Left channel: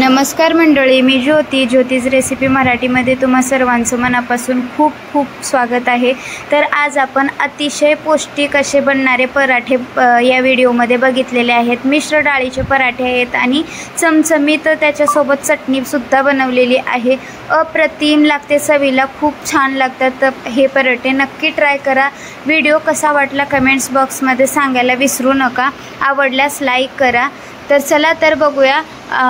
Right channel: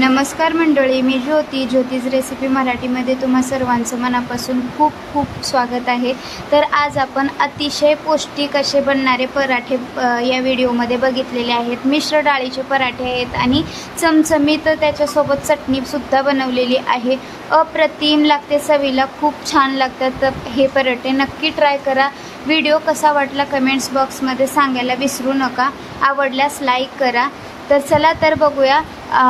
नमस्कार मंडळी, मी ज्योतीज रेसिपी मराठीमध्ये तुम्हा सर्वांचं मनापासून खूप खूप स्वागत आहे। तर आज आपण अतिशय पौष्टिक असे बनणारे पराठे या व्हिडिओमध्ये बघितलेले आहेत। मिश्र डाळीचे पराठे आहेत आणि चमचमीत त्याच्यासोबत चटणी सुद्धा बनवलेली आहे। अप्रतिम लागते, चवीला खूप छान लागतात। तर हे पराठे नक्की ट्राय करा। व्हिडिओ कसा वाटला कमेंट्स बॉक्समध्ये सांगायला विसरू नका। आवडल्यास लाईक करा। तर चला तर बघूया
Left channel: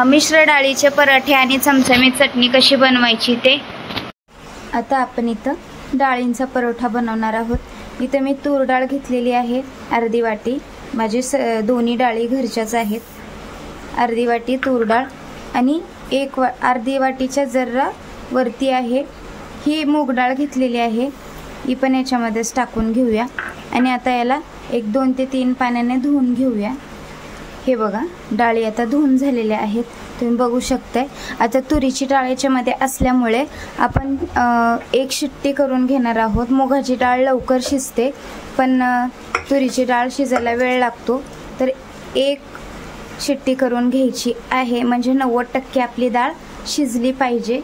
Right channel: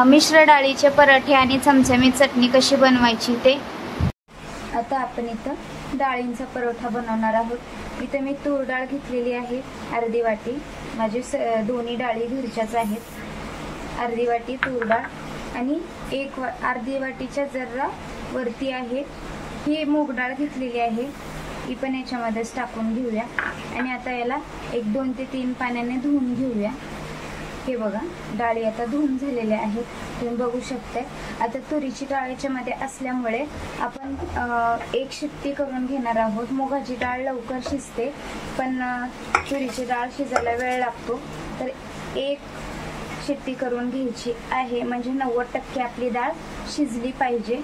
मिश्र डाळीचे पराठे आणि चमचमीत चटणी कशी बनवायची ते। आता आपण इथं डाळींचा परोठा बनवणार आहोत। इथं मी तूर डाळ घेतलेली आहे अर्धी वाटी, माझे दोन्ही डाळी घरच्याच आहेत। अर्धी वाटी तूर डाळ आणि अर्धी वाटीच्या जरा वरती आहे ही मूग डाळ घेतलेली आहे, ही पण याच्यामध्येच टाकून घेऊया। आणि आता याला 1-2 ते 3 पाण्याने धुवून घेऊया। हे बघा, डाळी आता धुवून झालेल्या आहेत, तुम्ही बघू शकताय। आता तुरीची डाळ याच्यामध्ये असल्यामुळे आपण एक शिट्टी करून घेणार आहोत। मुगाची डाळ लवकर शिजते, पण तुरीची डाळ शिजायला वेळ लागतो, तर एक शिट्टी करून घ्यायची आहे, म्हणजे 90% आपली डाळ शिजली पाहिजे।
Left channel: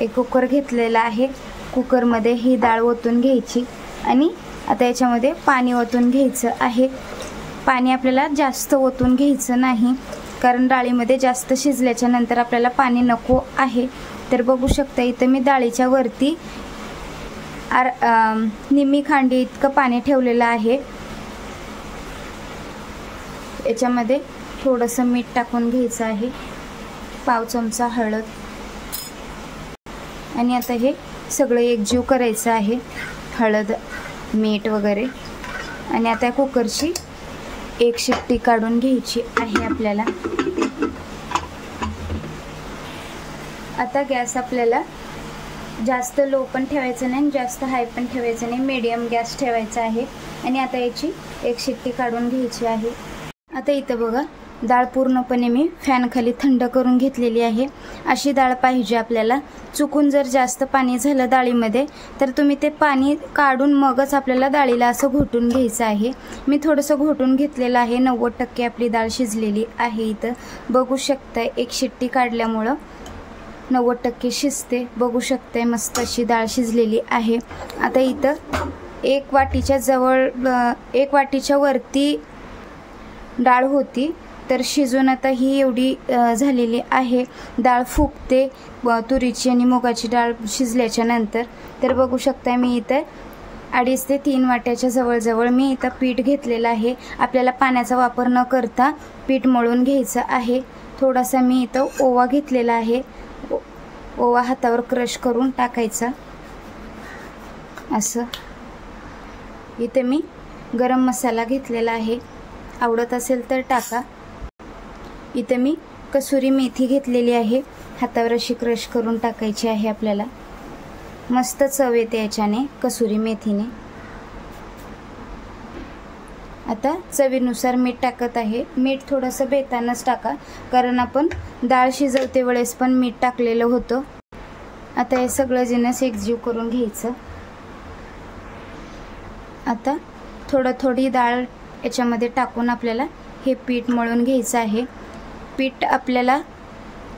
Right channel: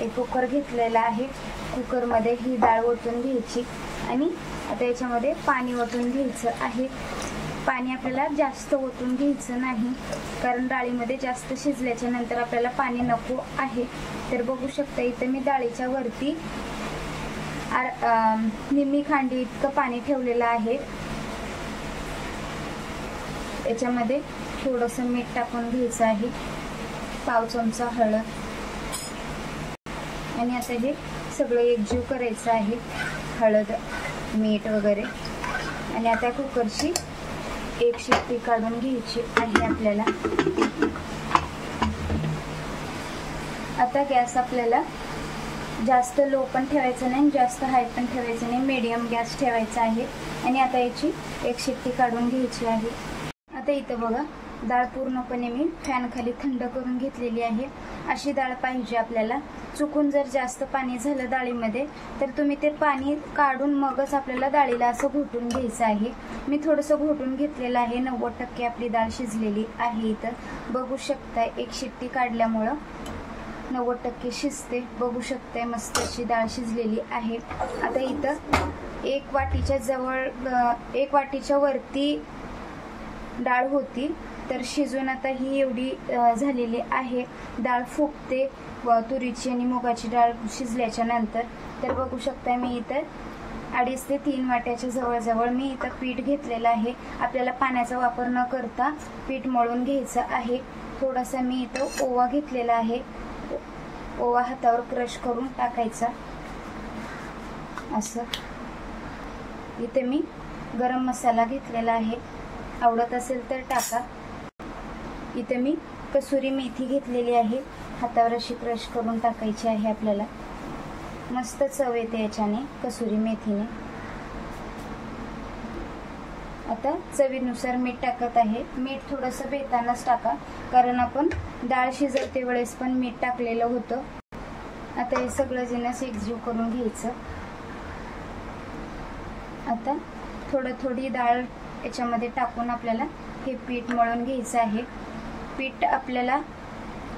एक कुकर घेतलेला आहे, कुकरमध्ये ही डाळ ओतून घ्यायची आणि आता याच्यामध्ये पाणी ओतून घ्यायचं आहे। पाणी आपल्याला जास्त ओतून घ्यायचं नाही, कारण डाळीमध्ये जास्त शिजल्याच्या नंतर आपल्याला पाणी नको आहे। तर बघू शकता इथं मी डाळीच्या वरती निम्मी खांडी इतकं पाणी ठेवलेलं आहे। याच्यामध्ये थोडंसं मीठ टाकून घ्यायचं आहे, पाव चमचा हळद, आणि आता हे सगळं एकजीव करायचं आहे, हळद मीठ वगैरे। आणि आता कुकरची एक शिट्टी काढून घ्यायची आहे आपल्याला। आता गॅस आपल्याला जास्त लो पण ठेवायचं नाही, जास्त हाय पण ठेवायचं नाही, मीडियम गॅस ठेवायचा आहे। आणि आता याची एक शिट्टी काढून घ्यायची आहे। आता इथं बघा, डाळ पूर्णपणे मी फॅन खाली थंड करून घेतलेली आहे। अशी डाळ पाहिजे आपल्याला। चुकून जर जास्त पाणी झालं डाळीमध्ये तर तुम्ही ते पाणी काढून मगच आपल्याला डाळीला असं घोटून घ्यायचं आहे। मी थोडंसं घोटून घेतलेलं आहे, 90% आपली डाळ शिजलेली आहे। इथं बघू शकताय, एक शिट्टी काढल्यामुळं 90% शिजते, बघू शकताय मस्त अशी डाळ शिजलेली आहे। आता इथं एक वाटीच्या वरती डाळ होती, तर शिजून आता ही एवढी झालेली आहे। डाळ फुगते तुरीची आणि मुगाची डाळ शिजल्याच्या नंतर। तर बघू शकता मी इथं 2.5 ते 3 वाट्याच्या जवळजवळ मी इथं पीठ घेतलेलं आहे। आपल्याला पाण्याचा वापर न करता पीठ मळून घ्यायचं आहे। थोडासा मी इथं ओवा घेतलेला आहे, ओवा हातावर क्रश करून टाकायचा असं। इथे मी गरम मसाला घेतलेला आहे, आवडत असेल तर टाका। इथे मी कसुरी मेथी घेतलेली आहे, हातावर अशी क्रश करून टाकायची आहे आपल्याला। मस्त चव येते याच्याने, कसुरी मेथीने। आता चवीनुसार मीठ टाकत आहे। मीठ थोडंसं बेतानच टाका, कारण आपण डाळ शिजवते वेळेस पण मीठ टाकलेलं होतं। आता हे सगळं जिन्नस एकजीव करून घ्यायचं। आता थोडी डाळ याच्यामध्ये टाकून आपल्याला हे पीठ मळून घ्यायचं आहे। पीठ आपल्याला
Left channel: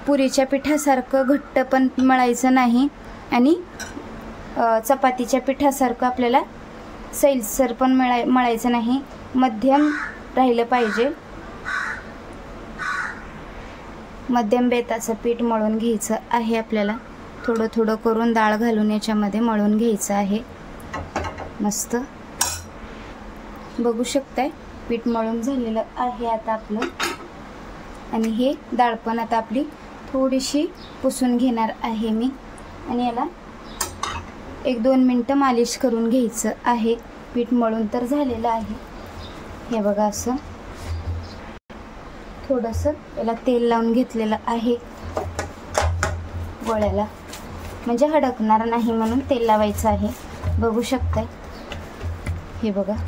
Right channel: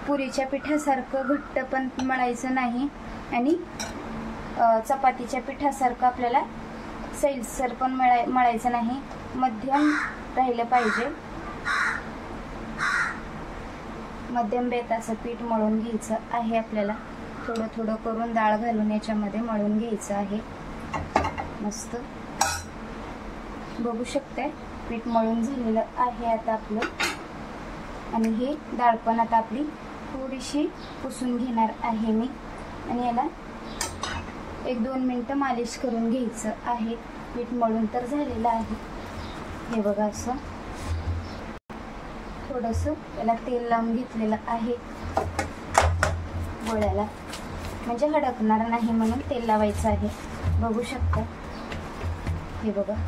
पुरीच्या पिठासारखं घट्ट पण मळायचं नाही आणि चपातीच्या पिठासारखं आपल्याला सैलसर पण मळायचं नाही, मध्यम राहिलं पाहिजे। मध्यम बेताचं पीठ मळून घ्यायचं आहे आपल्याला। थोडं करून डाळ घालून याच्यामध्ये मळून घ्यायचं आहे मस्त। बघू शकताय पीठ मळून झालेलं आहे आता आपलं। आणि हे डाळ पण आता आपली थोडीशी पुसून घेणार आहे मी, आणि याला 1-2 मिनटं मालिश करून घ्यायचं आहे। पीठ मळून तर झालेलं आहे, हे बघा असं। थोडंसं याला तेल लावून घेतलेलं आहे गोळ्याला, म्हणजे हडकणार नाही म्हणून तेल लावायचं आहे। बघू शकताय, हे बघा।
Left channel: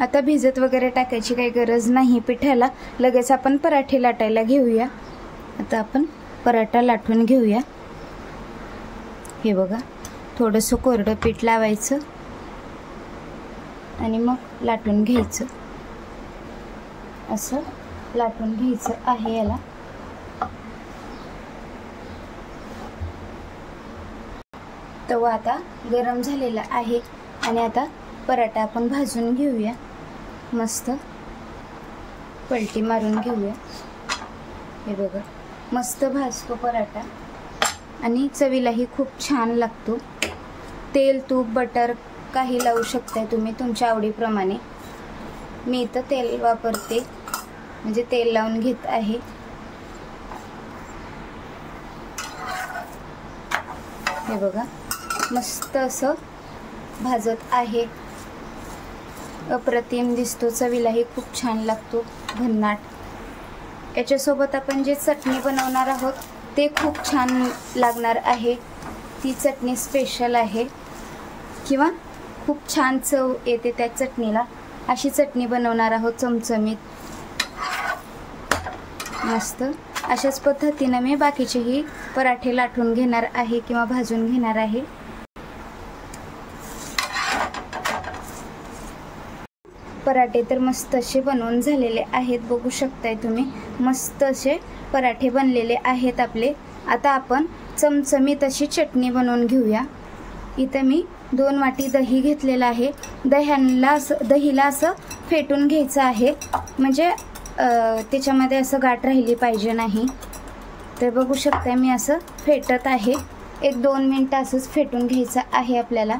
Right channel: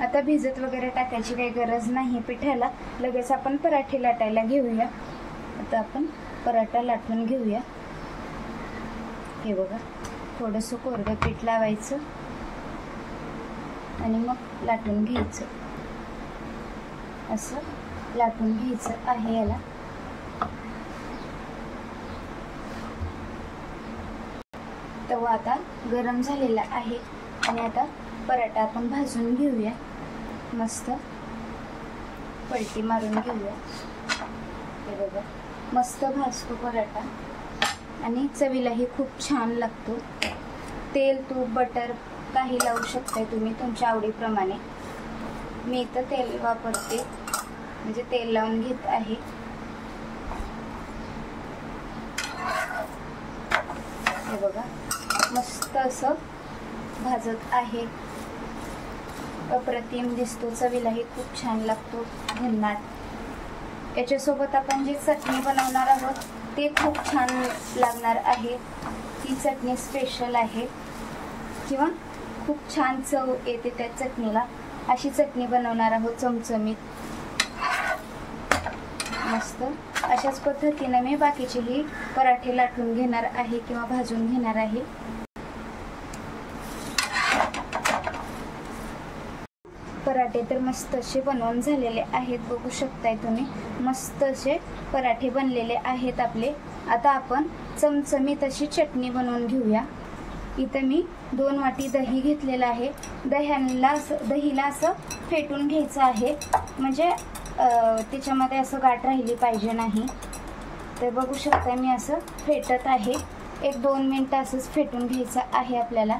आता भिजत वगैरे टाकायची काही गरज नाही पिठाला, लगेच आपण पराठे लाटायला घेऊया। आता आपण पराठा लाटून घेऊया। हे बघा, थोडंसं कोरडं पीठ लावायचं आणि मग लाटून घ्यायचं असं। लाटून घ्यायचं आहे याला। तवा आता गरम झालेला आहे आणि आता पराठा आपण भाजून घेऊया। मस्त पलटी मारून घेऊया। हे बघा मस्त भाजतो पराठा आणि चवीलाही खूप छान लागतो। तेल तूप बटर काही लावू शकताय तुम्ही तुमच्या आवडीप्रमाणे। मी इथं तेल वापरते, म्हणजे तेल लावून घेत आहे। हे बघा मस्त असं भाजत आहे। अप्रतिम दिसतो, चवीलाही खूप छान लागतो, भन्नाट। याच्यासोबत आपण जे चटणी बनवणार आहोत ते खूप छान लागणार आहे। ती चटणी स्पेशल आहे किंवा खूप छान चव येते त्या चटणीला। अशी चटणी बनवणार आहोत चमचमीत मस्त। अशाच पद्धतीने मी बाकीचेही पराठे लाटून घेणार आहे किंवा भाजून घेणार आहे। पराठे तर मस्त असे बनवून झालेले आहेत, बघू शकताय तुम्ही। मस्त असे पराठे बनलेले आहेत आपले। आता आपण चमचमीत अशी चटणी बनवून घेऊया। इथं मी 2 वाटी दही घेतलेलं आहे। दहीला असं फेटून घ्यायचं आहे, म्हणजे त्याच्यामध्ये असं गाठ राहिली पाहिजे नाही। तर बघू शकताय मी असं फेटत आहे। 1-2 मिनिटं असंच फेटून घ्यायचं आहे आपल्याला।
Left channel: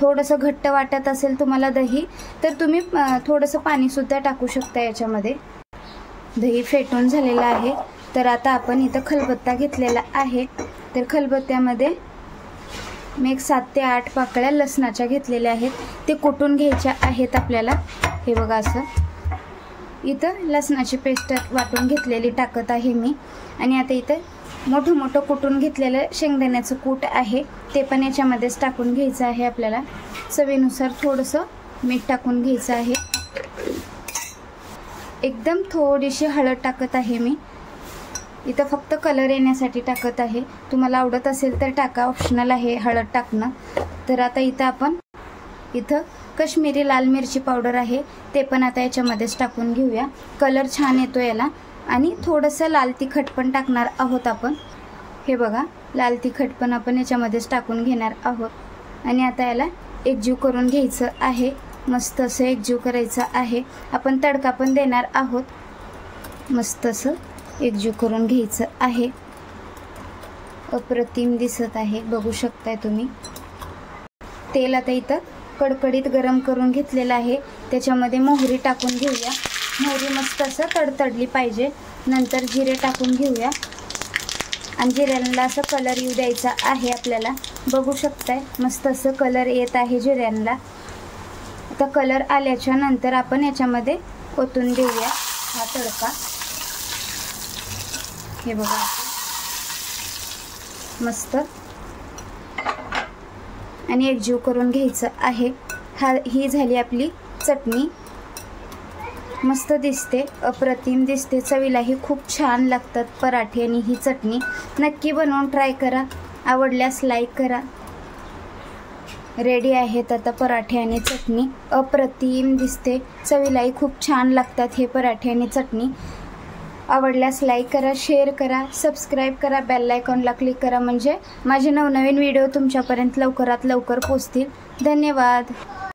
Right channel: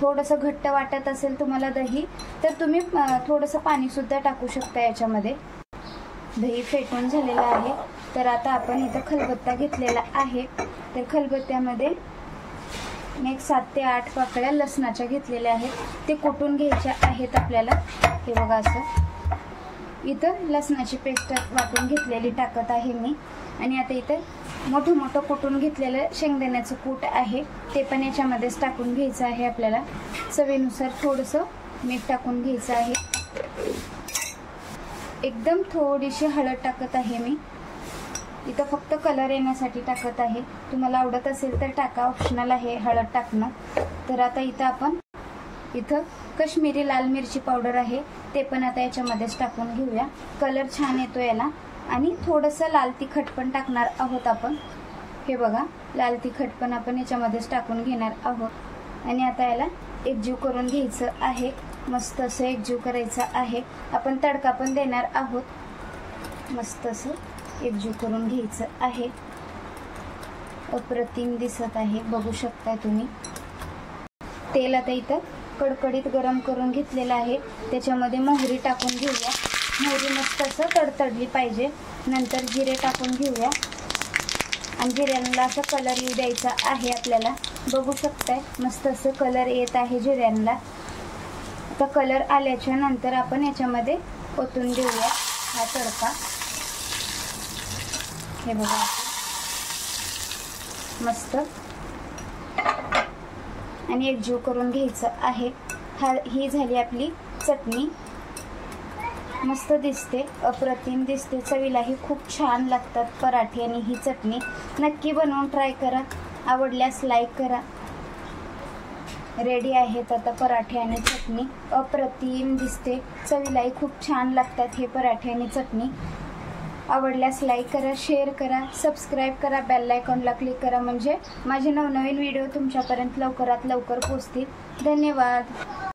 थोडंसं घट्ट वाटत असेल तुम्हाला दही तर तुम्ही थोडंसं पाणी सुद्धा टाकू शकता याच्यामध्ये। दही फेटून झालेलं आहे। तर आता आपण इथं खलबत्ता घेतलेला आहे। तर खलबत्त्यामध्ये मी 7 ते 8 पाकळ्या लसणाच्या घेतलेल्या आहेत, ते कुटून घ्यायच्या आहेत आपल्याला। हे बघा असं इथं लसणाची पेस्ट वाटून घेतलेली टाकत आहे मी। आणि आता इथं मोठं कुटून घेतलेलं शेंगदाण्याचं कूट आहे, ते पण याच्यामध्येच टाकून घ्यायचं आहे आपल्याला। चवीनुसार थोडंसं मीठ टाकून घ्यायचं आहे। एकदम थोडीशी हळद टाकत आहे मी इथं, फक्त कलर येण्यासाठी टाकत आहे। तुम्हाला आवडत असेल तर टाका, ऑप्शनल आहे हळद टाकणं। तर आता इथं आपण काश्मीरी लाल मिरची पावडर आहे, ते पण आता याच्यामध्येच टाकून घेऊया। कलर छान येतो याला। आणि थोडंसं लाल तिखट पण टाकणार आहोत आपण। हे बघा लाल तिखट पण आपण याच्यामध्येच टाकून घेणार आहोत। आणि आता याला एकजीव करून घ्यायचं आहे, मस्त असं एकजीव करायचं आहे। आपण तडका पण देणार आहोत, मस्त असं एकजीव करून घ्यायचं आहे। अप्रतिम दिसत आहे, बघू शकताय तुम्ही। तेल आता इथं कडकडीत गरम करून घेतलेलं आहे, त्याच्यामध्ये मोहरी टाकून घेऊया। मोहरी मस्त असं तडतडली पाहिजे। नंतर जिरे टाकून घेऊया आणि जिऱ्यांना असं कलर येऊ द्यायचा आहे आपल्याला। बघू शकताय मस्त असं कलर येत आहे जिऱ्यांना। आता कलर आल्याच्या नंतर आपण याच्यामध्ये ओतून देऊया हा तडका। हे बघा मस्त आणि एकजीव करून घ्यायचं आहे। ही झाली आपली चटणी, मस्त दिसते, अप्रतिम दिसते, चवीलाही खूप छान लागतात पराठे आणि ही चटणी। नक्की बनवून ट्राय करा, आवडल्यास लाईक करा। रेडी आहेत आता पराठे आणि चटणी, अप्रतिम दिसते, चवीलाही खूप छान लागतात हे पराठे आणि चटणी। आवडल्यास लाईक करा, शेअर करा, सबस्क्राईब करा, बेल आयकॉनला क्लिक करा, म्हणजे माझे नवनवीन व्हिडिओ तुमच्यापर्यंत लवकरात लवकर पोहोचतील। धन्यवाद।